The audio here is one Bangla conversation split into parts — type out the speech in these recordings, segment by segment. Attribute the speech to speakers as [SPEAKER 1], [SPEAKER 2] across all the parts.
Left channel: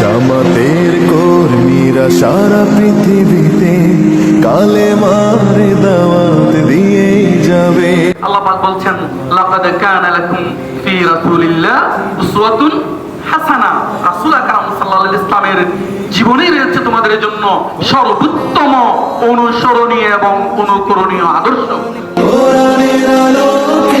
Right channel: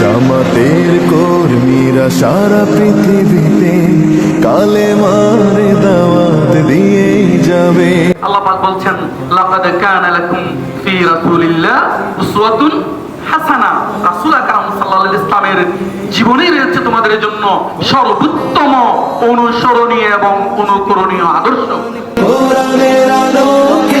[SPEAKER 1] জামাতের কর্মীরা সারা পৃথিবীতে কালে মার দাওয়াত দিয়েই যাবে।
[SPEAKER 2] আল্লাহ পাক বলছেন লাকাদ কানা লাকুম ফি রাসূলিল্লাহ উসওয়াতুন হাসানা। রাসূল আকরাম সাল্লাল্লাহু ইসলামের রয়েছে তোমাদের জন্য সর্বোত্তম অনুসরণীয় এবং অনুকরণীয় আদর্শ।
[SPEAKER 1] কোরআনের আলোকে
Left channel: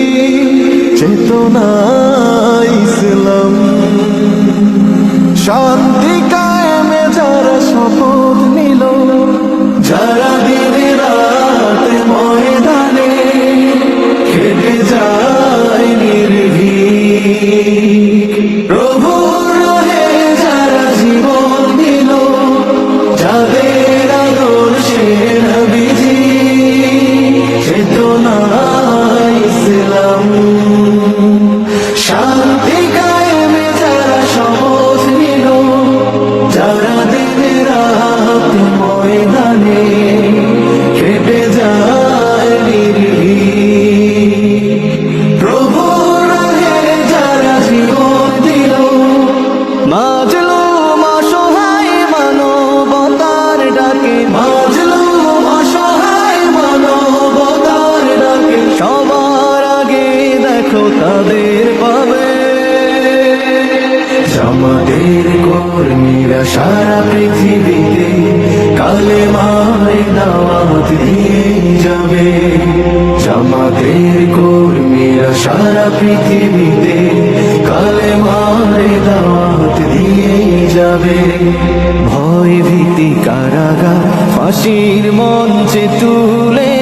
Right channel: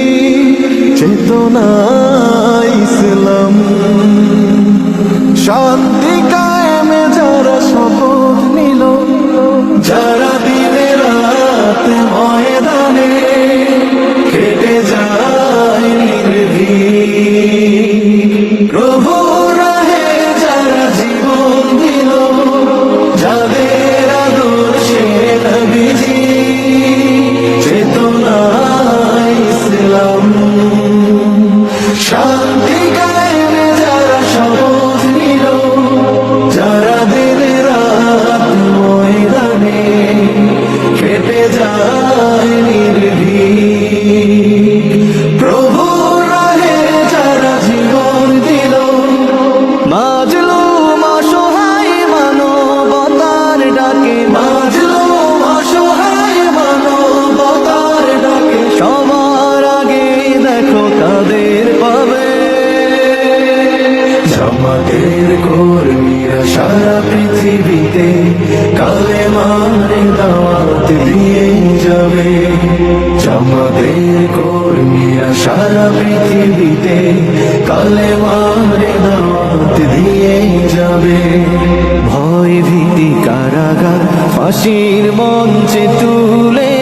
[SPEAKER 1] চেতনা ইসলাম। শান্তি কায়েমে যারা শপথ নিল যারা দিনে রাত ময়দানে মাজলু অসহায় মানবতার ডাকে। মাজলু অসহায় মানবতার ডাকে। সবার আগে দেখো তাদের পাবে। জামাতের কর্মীরা সারা পৃথিবীতে কালে মারে দাওয়াত দিয়ে যাবে। জামাতের কর্মীরা সারা পৃথিবীতে কালে ভীতি কারাগার ফাঁসির মঞ্চে তুলে